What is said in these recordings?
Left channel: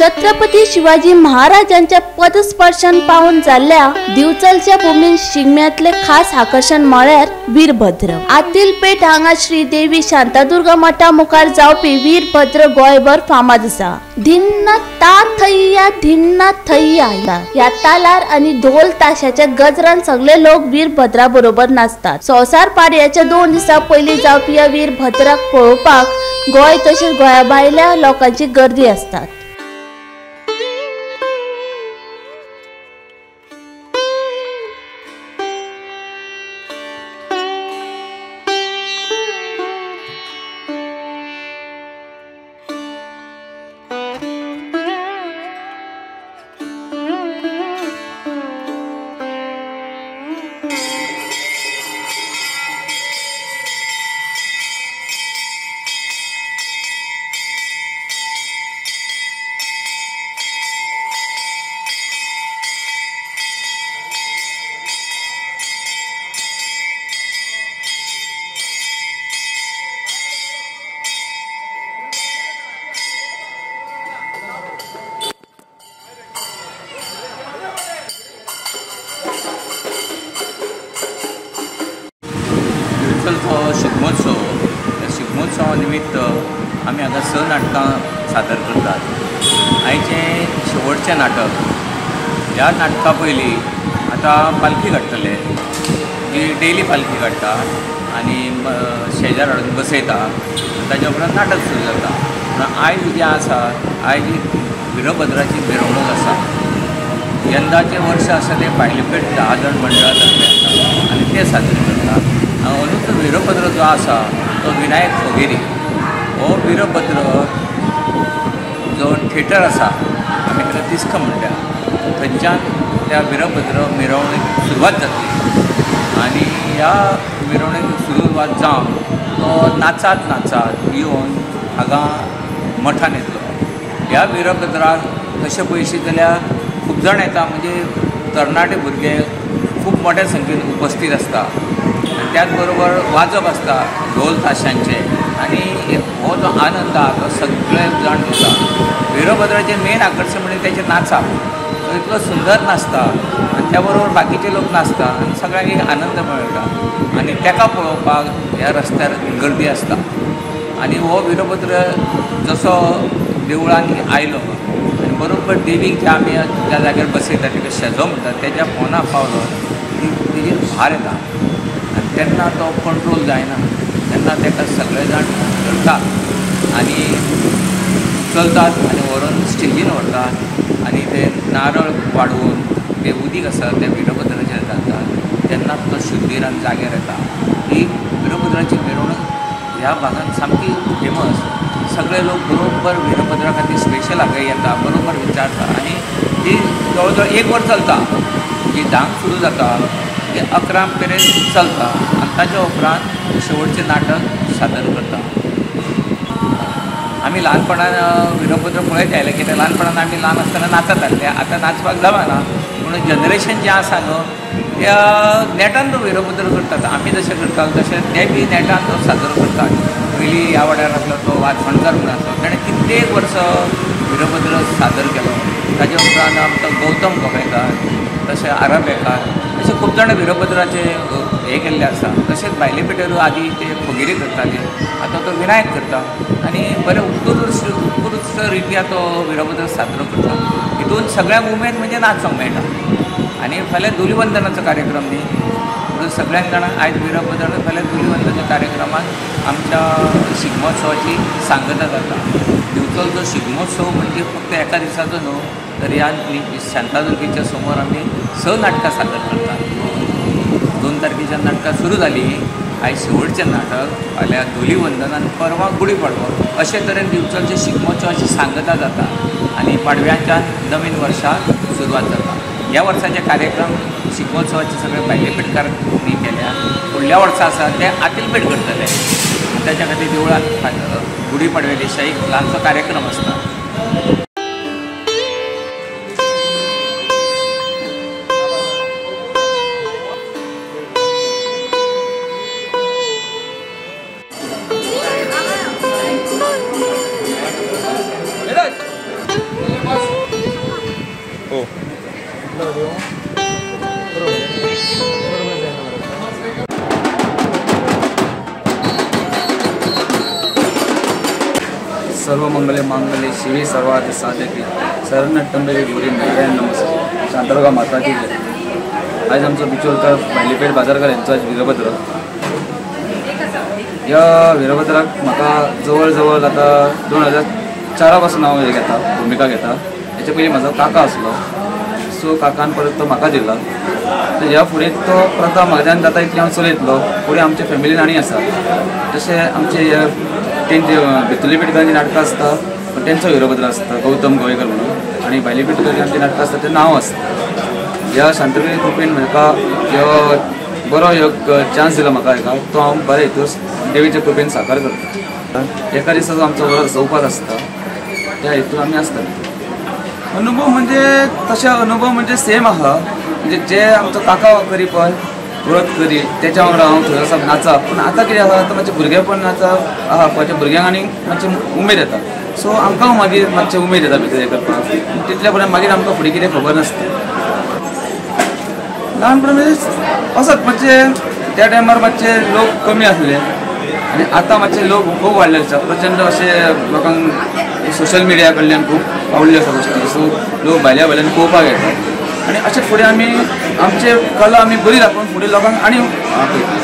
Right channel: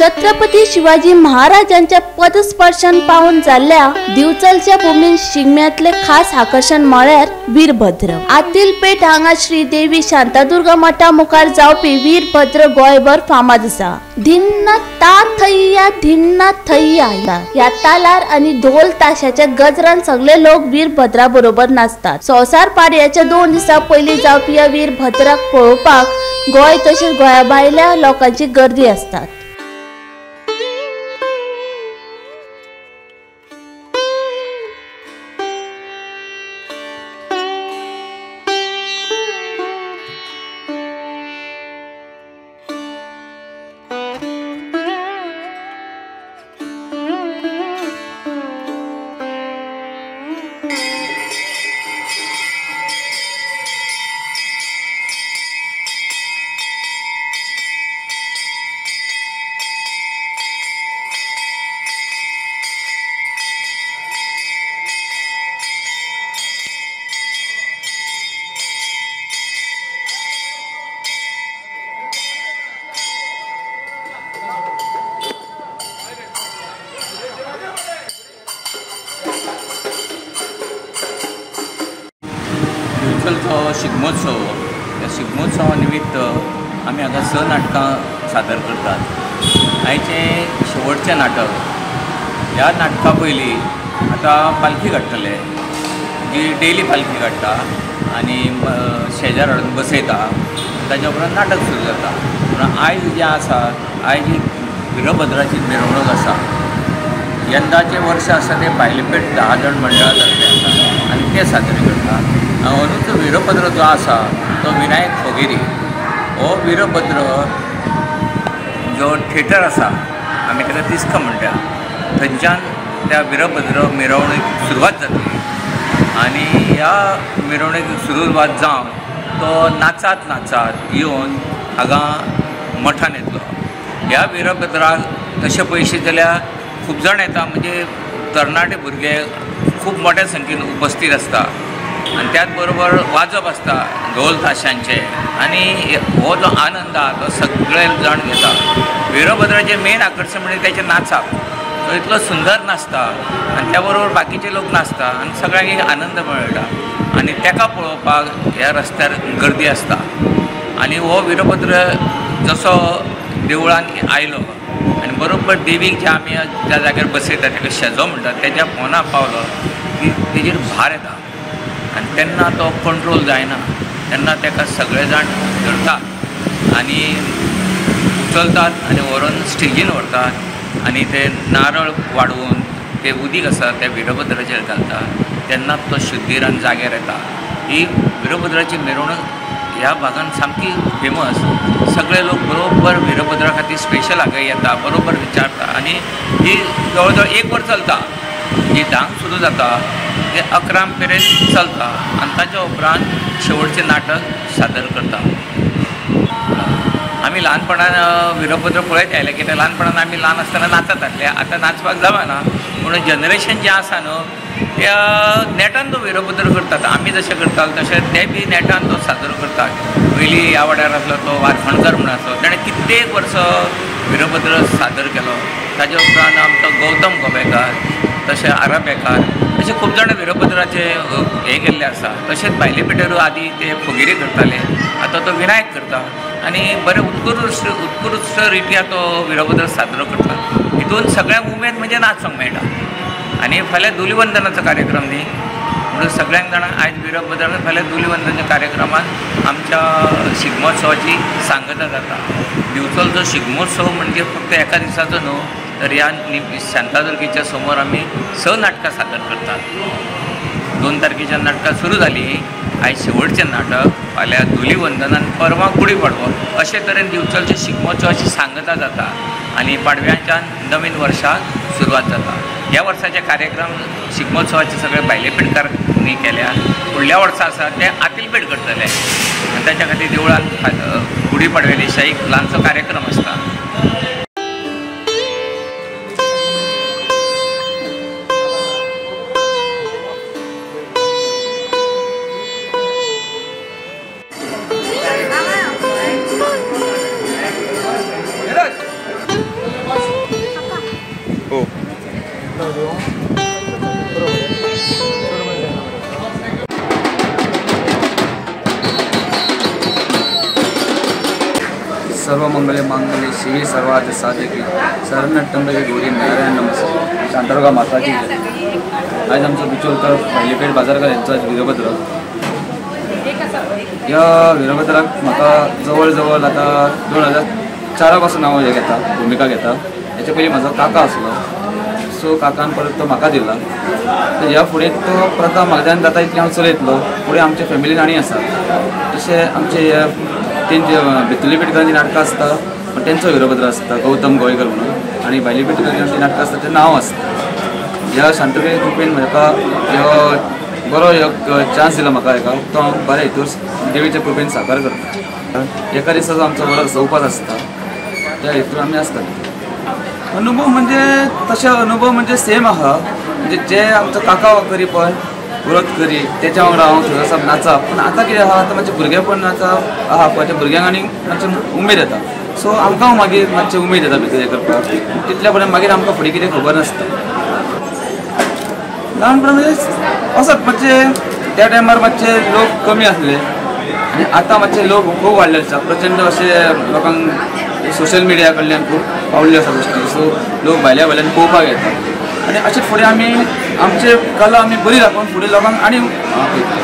छत्रपती शिवाजी महाराजांच्या पदस्पर्शन पाहून जाल्ल्या दिवचलच्या भूमीन शिगम्यातले खास आकर्षण म्हळ्यार वीरभद्र। आतील पेठ हांगा श्री देवी शांतादुर्गा मठा मुखार जावपी वीरभद्र गोंयभर फामाद आसा। धिन्ना थैया या तालार आणि ढोल ताशाच्या गजरान सगळे लोक वीरभद्रा बरोबर नाचतात। संवसार पाडव्याच्या 2 दिसा पयली जावपी या वीरभद्राक पळोवपाक गोंय तसेच गोंया भायल्या लोकांची गर्दी असतात। दिवचलचो शिगमोत्सव, त्या शिगमोत्सवा निमित्त आमी हांगा 6 नाटकां सादर करतात। आयचें शेवटचें नाटक। ह्या नाटका पयलीं आतां पालखी काडटले, जी डेली पालखी काडटा आनी शेजार हाडून बसयता आनी ताच्या उपरांत नाटक सुरू जाता। पूण आयज जें आसा, आयज वीरभद्राची मिरवणूक आसा। यंदाचें वर्स आसा तें भायलेपेट 10 जण मंडळा तर्फे आसा आनी ते साजरे करतात। अंदूच वीरभद्र जो आसा तो विनायक फोगेरी। हो वीरभद्र जो थिएटर आसा, आमी ताका तिस्क म्हणटा, थंयच्यान त्या वीरभद्र मिरवणूक सुरवात जातली आनी ह्या मिरवणूक सुरवात जावन तो नाचात नाचात येवन हांगा मठान येतलो। ह्या वीरभद्राक तशें पळयशीत जाल्यार खूब जाण येता, म्हणजे तरणाटे भुरगे खूब मोठ्या संख्येन उपस्थित आसता आनी त्याच बरोबर वाजप आसता ढोल ताशांचे आनी हो जो आनंद आसा तो सगळे जाण घेता। वीरभद्राचें मेन आकर्शण म्हणजे तेचें नाचप। तो इतलो सुंदर नाचता आनी त्या बरोबर बाकीचे लोक नाचता आनी सगळ्यांक एक आनंद मेळटा आनी तेका पळोवपाक ह्या रस्त्यार गर्दी आसता। आनी हो वीरभद्र जसो देवळान आयलो आनी बरोबर देवीक जे आमी त्या जाग्यार बसयता तेका शेजो म्हणटात, तेज्या पोंदा पावलो की तेजेर भार येता आनी तेन्ना तो कंट्रोल जायना, तेन्ना तेका सगळे जाण धरतात आनी उचलतात आनी व्हरून स्टेजीन व्हरतात आनी ते नारळ वाडवून ते उदीक आसा ते वीरभद्राचेर घालतात। तेन्ना तो शुद्धीरान जाग्यार येता। ही वीरभद्राची मिरवणूक ह्या भागांत सामकी फेमस। सगळे लोक बरोबर वीरभद्रा खातीर स्पेशल हांगा येता, बरोबर विचारता आनी ही जवळ जवळ 1 वर चलता। जी 10 सुरू जाता ते 11 पर्यंत चलता आनी ताच्या उपरांत शेवटचें नाटक सादर करता। आमी ल्हानपणान वीरभद्र पळयत आयले, कित्याक ल्हानपणान आमी ल्हान आसतना नाचत आसले। आतां नाचपाक जमाना, म्हणून जनरेशन जें आसा न्हू त्या नेटान तो वीरभद्र करतात। आमी जशें करताले तशें ते बी नेटान तो सादर करतात। पयलीं ह्या वाड्यार आसलो तो वारफणकर म्हणून आसलो, ताणें कित्येक वर्सां वीरभद्र सादर केलो। ताच्या उपरांत आमचो गौतम गोबेकार, तशें आराबेकार, अशे खूब जाण वीरभद्राचे हे केल्ले आसा। तशेंच भायले पेठेरू आदी ते फोगेरी करताले, आतां तो विनायक करता आनी बरें उत्कृश्ट रित्या तो वीरभद्र साजरो करता। हितून सगळ्यांक उमेद म्हणजे नाचूंक मेळटा। आनी फाल्यां धुलीवंदनाचो कार्यक्रम न्ही, म्हणून सगळ्यांक जाणांक आयज वीरभद्र फाल्यां धुलीवंदनाच्या कार्यक्रमांत आमच्या शिगमोत्सवाची सांगता जाता। दिवचलचो शिगमोत्सव म्हणजे फक्त एका दिसाचो न्हू, तर ह्या शांतादुर्गेच्या समोर आमी 6 नाटकां सादर करतात। 2 तारखेच्यान नाटकां सुरू जालीं, आयज शेवटचें नाटक, फाल्यां धुलीवंदन आनी परवां गुढीपाडवो। अशे तरेन दिवचलच्या शिगमोत्सवाची सांगता जाता आनी पाडव्याच्यान नवीन वर्साक सुरवात जाता। ह्या वर्साचे कार्यक्रम शिगमोत्सवाचे सगळे भायले पेडकारांनी केल्या। फुडल्या वर्सा आसा ते आतीलपेट करतले आनी ताच्या खातीर देवळांत गुढीपाडवे दिसा एक ल्हानसो कार्यक्रम आसता। सर्व मंगले मांगल्ये शिवे सर्वार्थ साधके शरण्य त्र्यंबके गौरी नारायण नमस्ते. शांतादुर्गा माता की जय. आज आमचो बिचोलकर भायलीपेठ बाजारकार यांचो आज वीरभद्र. ह्या वीरभद्राक म्हाका जवळ जवळ आता 2004 पासून हांव हे घेता, भुमिका घेता. हेच्या पयलीं म्हजो काका आसलो, सो काकान परत तो म्हाका दिला. तर ह्या फुडें तो प्रथा म्हाज्यान जाता इतलें हांव चलयतलो. फुडें आमच्या फॅमिलीन आनी आसा तशें आमचे तेंची भितुर्ली पेडणेकारांची नाटकां आसता, पण तेंचो वीरभद्र आसता गौतम गोवेकर म्हणून. आनी भायली पेडणेकारांची नाटकां आसता तें नांव आसता. ह्या शांतपेय कृपेन म्हाका ह्यो बरो एक चान्स दिला म्हाका हेका, तो हांव बऱ्या हितूर देवीच्या कृपेन साकार करता. एका दिसाचो आमचो बरो उपास आसता, त्या हितून आमी आसता. अनुभव म्हणजे तशे अनुभव म्हणजे सेम आहा. म्हणजे जे आमचो काका करी पळय व्रत करी त्याच्या वांगडा हांव थंय वचप नाचप. पण आतां कितें आहा, आतां मातशें भुरगेपण आहा पळय, त्या भुरग्यांक आनी मातशें उमेद येता. सो आमकां मागीर मातशें उमेद येता भितर हें करपाक. तितल्या पर्यंत मागीर आमकां फुडें कितें खबर नासता. ल्हानपणा म्हणजे असोच मातशे त्या टायमार मातशे लोक कमी आसले आनी आतां मातशे लोक खूब वाडले आसा. प्रचंड अशे लोकांक सोशल मिडिया कडल्यान खूब पावल्ल्यो आसा गोश्टी. सो लोक भायल्या भायल्यान पळोवपाक येता आनी अशेंच फुडें आमी आमचे कला आमी बरी दाखोवन फुडें लोकांक आनी आपयता.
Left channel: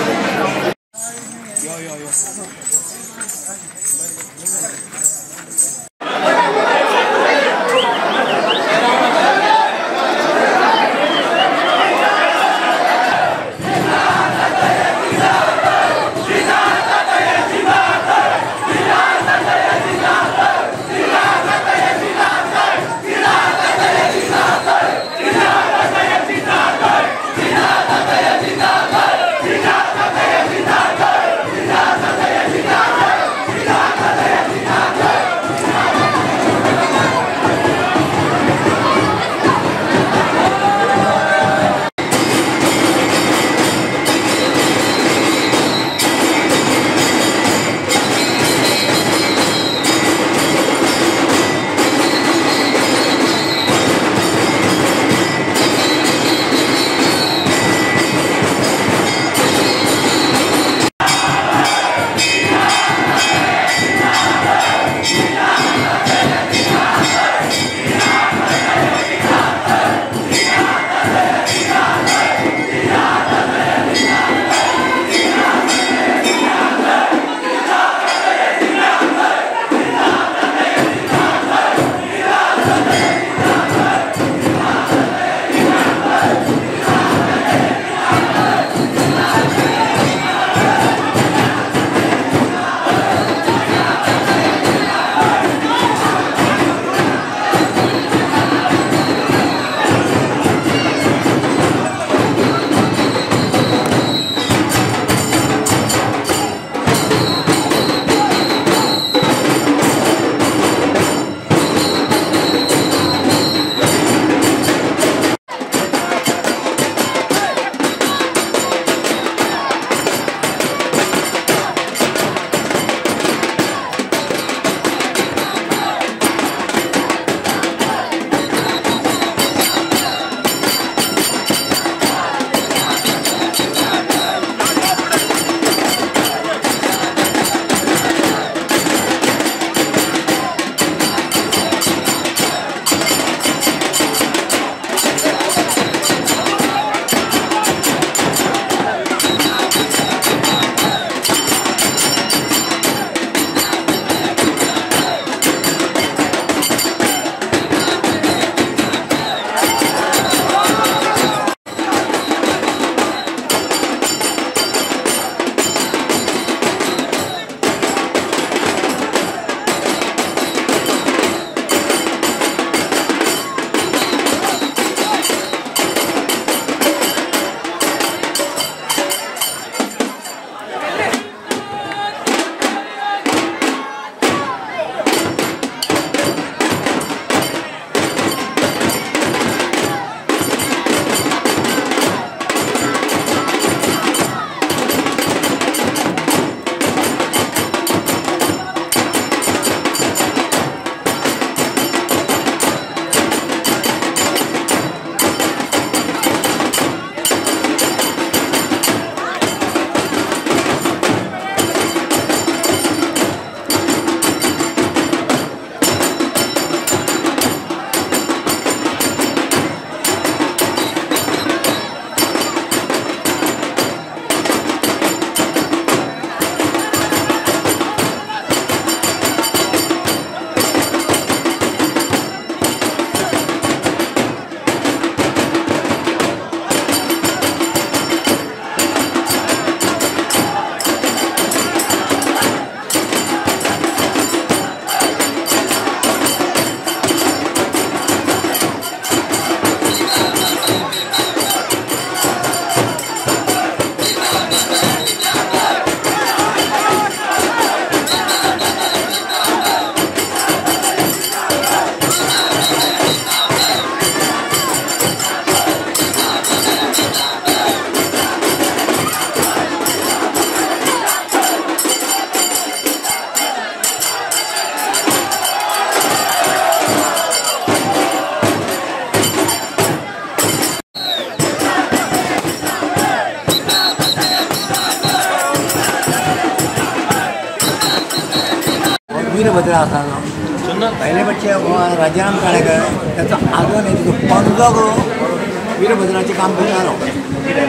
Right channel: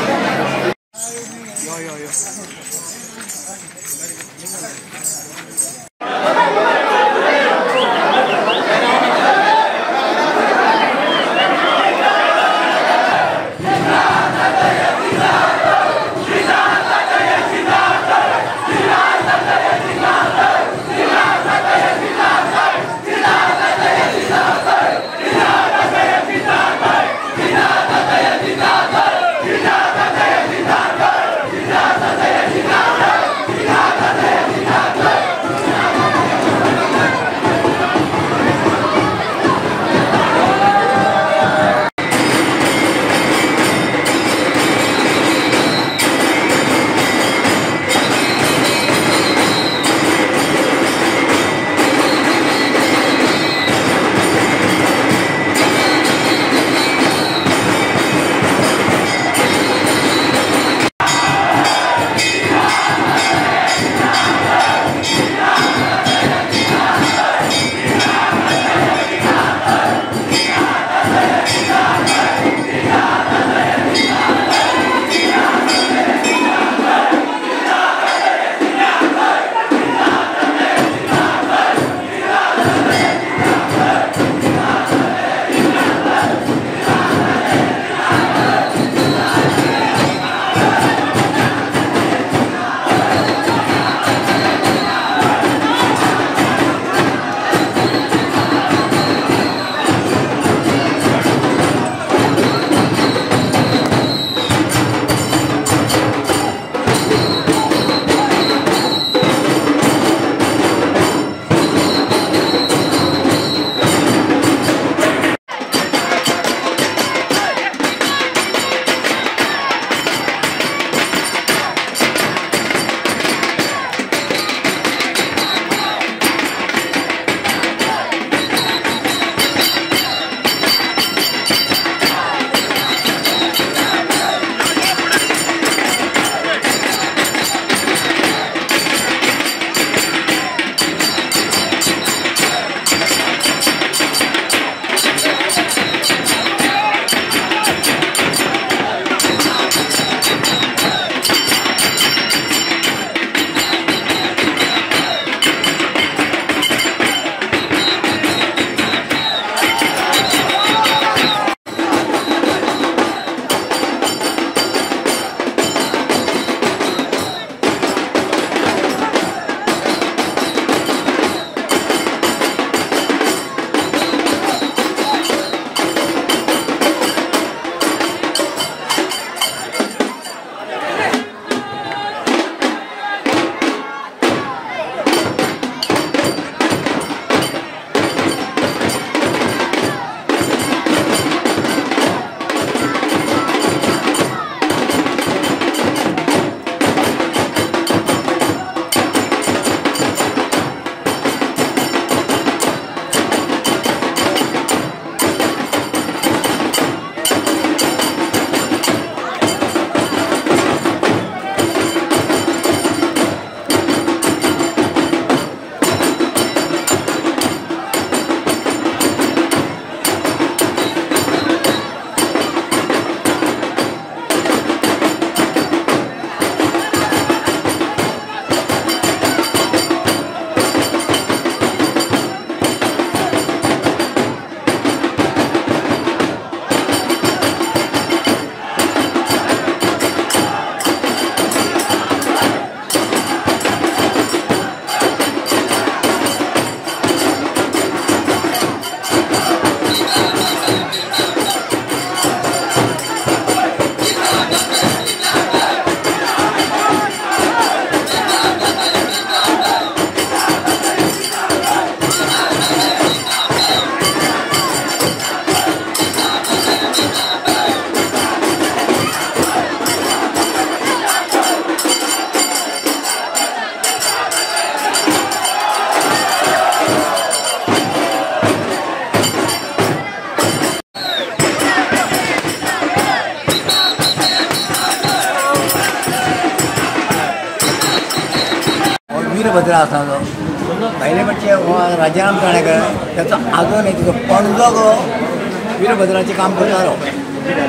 वीरभद्र आसा तो पहिले म्हणजे राजाराम चाणेकर त्याचा आजो नाही तिथं पणजो वीरभद्राचें काम करतालो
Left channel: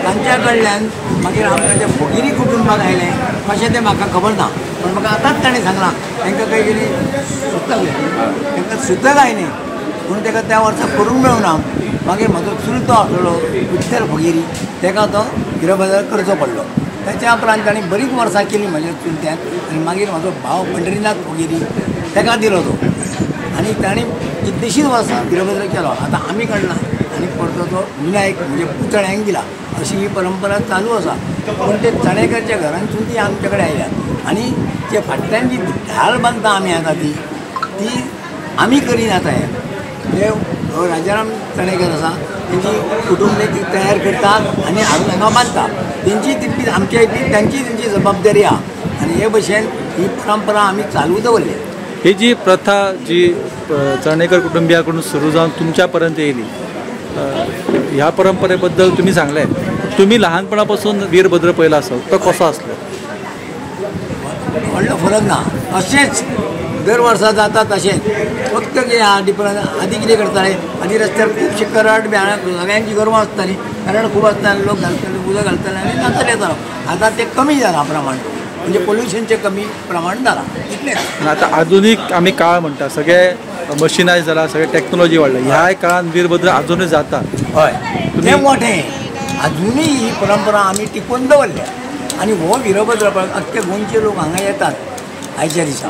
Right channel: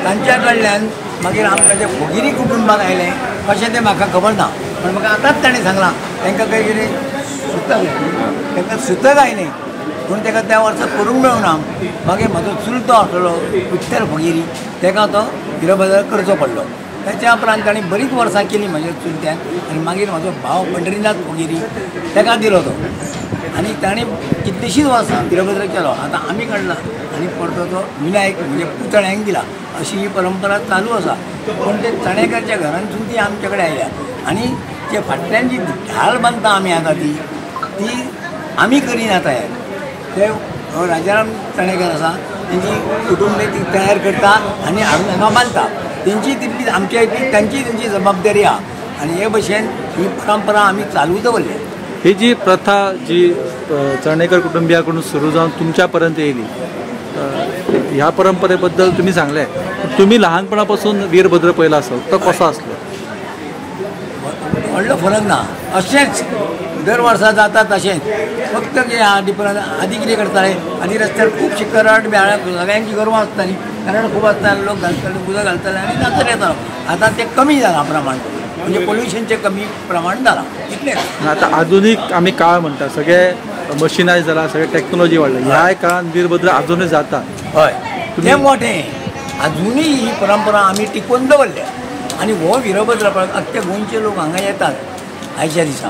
तांच्या कडल्यान मागीर आमकां ते भगिनी कुटुंबाक आयलें कशें तें म्हाका खबर ना पण म्हाका आतांच ताणें सांगलां तांकां खंय कितें सुतक तांकां सुतक आयलें पूण ताका त्या वर्सा करूंक मेळूना मागीर म्हजो चुलतो आसलो विठ्ठल भगिरी ताका तो वीरभद्र करचो पडलो त्याच्या उपरांत ताणें बरीच वर्सां केलीं म्हज्या चुलत्यान आनी मागीर म्हजो भाव पंढरीनाथ भगिरी ताका दिलो तो आनी ताणें कितलींशींच वर्सां वीरभद्र केलो आतां आमी काडला आनी परतो तो विनायक म्हणजे पुतळ्यांक दिला अशी ही परंपरा चालू आसा पूण ते चणेकरच्या घरांतसून ती आमचे कडेन आयल्या आनी जे फाटल्यान जी ढाल बांदता आमी आतां ती आमी करीन आतां हे राजाराम चणेकर आसा तेंची कुटुंब ती तयार करतात आनी हाडून हांगा बांदता तेंची तितली आमच्या इतली तेंची जबाबदारी आहा आनी हे भशेन ही परंपरा आमी चालू दवरल्या ही जी प्रथा जी चणेकर कुटुंबियाकडून सुरू जावन तुमच्यापर्यंत येयली ह्या परंपरेबद्दल तुम्ही सांगले तुम्ही लहानपणापासून वीरभद्र पहिला असो तो कसो असलो व्हडलो फरक ना अशेंच दर वर्सा जाता तशेंच फक्त कितें आहा डिफरंस आदी कितें करताले आदी रस्त्यार खुबशे करड बेळां सगळ्यांची गोरवां आसतालीं कारण खूब आसताले लोक घालताले उदक घालताले आनी नाचत येतालो आतां तें कमी जालां प्रमाण म्हणजे पोल्युशनचें कमी प्रमाण जालां इतलेंच आता आधुनीक आमी काळ म्हणटा सगळे मशिनायज जाला सगळे टेक्नॉलॉजी वाडला ह्या काळान वीरभद्र अजूनय जाता हय तें मोठें अजुनूय ही परंपरा आमी टिकोवन दवरल्या आनी हो वीरभद्र अख्खे गोंयचे लोक हांगा येतात आयच्या दिसा